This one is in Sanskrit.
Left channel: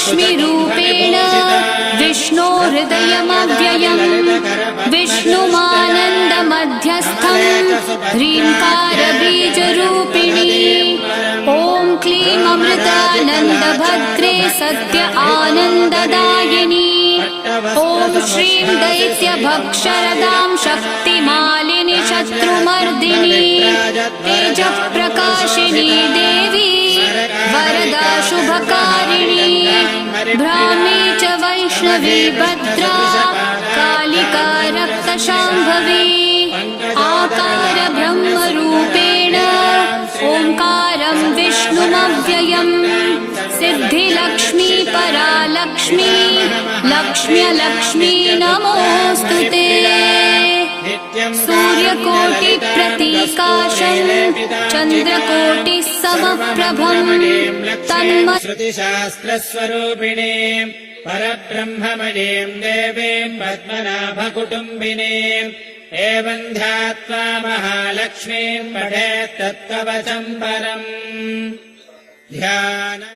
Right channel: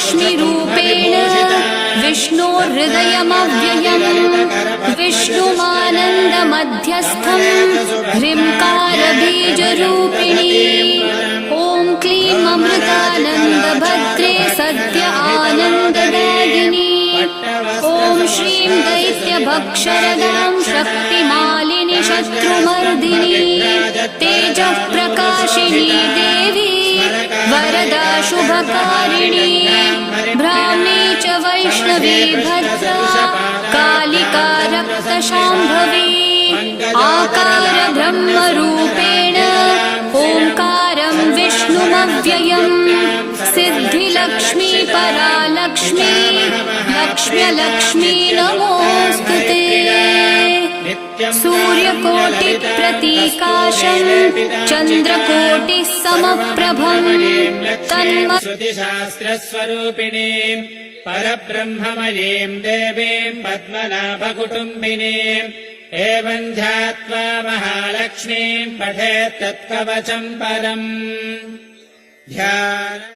लक्ष्मीरूपेण विष्णोर्हृदयमव्ययम् विष्णुमानन्दमध्यस्थम् ह्रीङ्कारबीजरूपिणी ॐ क्लीं अमृतानन्दभद्रे सत्य आनन्ददायिनी ॐ श्रीं दैत्यभक्षरदां शक्तिमालिनि शत्रुमर्दिनी तेजःप्रकाशिनी देवी वरदा शुभकारिणी ब्राह्मी च वैष्णवी भद्रा कालिका रक्तशाम्भवी आकार ब्रह्मरूपेण ओङ्कारं विष्णुमव्ययम् सिद्धिलक्ष्मी परालक्ष्मी लक्ष्म्यलक्ष्मी नमोऽस्तुते सूर्यकोटिप्रतीकाशम् चन्द्रकोटिः समप्रभम् श्रुतिशास्त्रस्वरूपिणी परब्रह्ममयीम् देवीम् पद्मनाभकुटुम्बिनीम् एवम् ध्यात्वा महालक्ष्मीम् पठेत् तत्कवचम् परम् ध्यान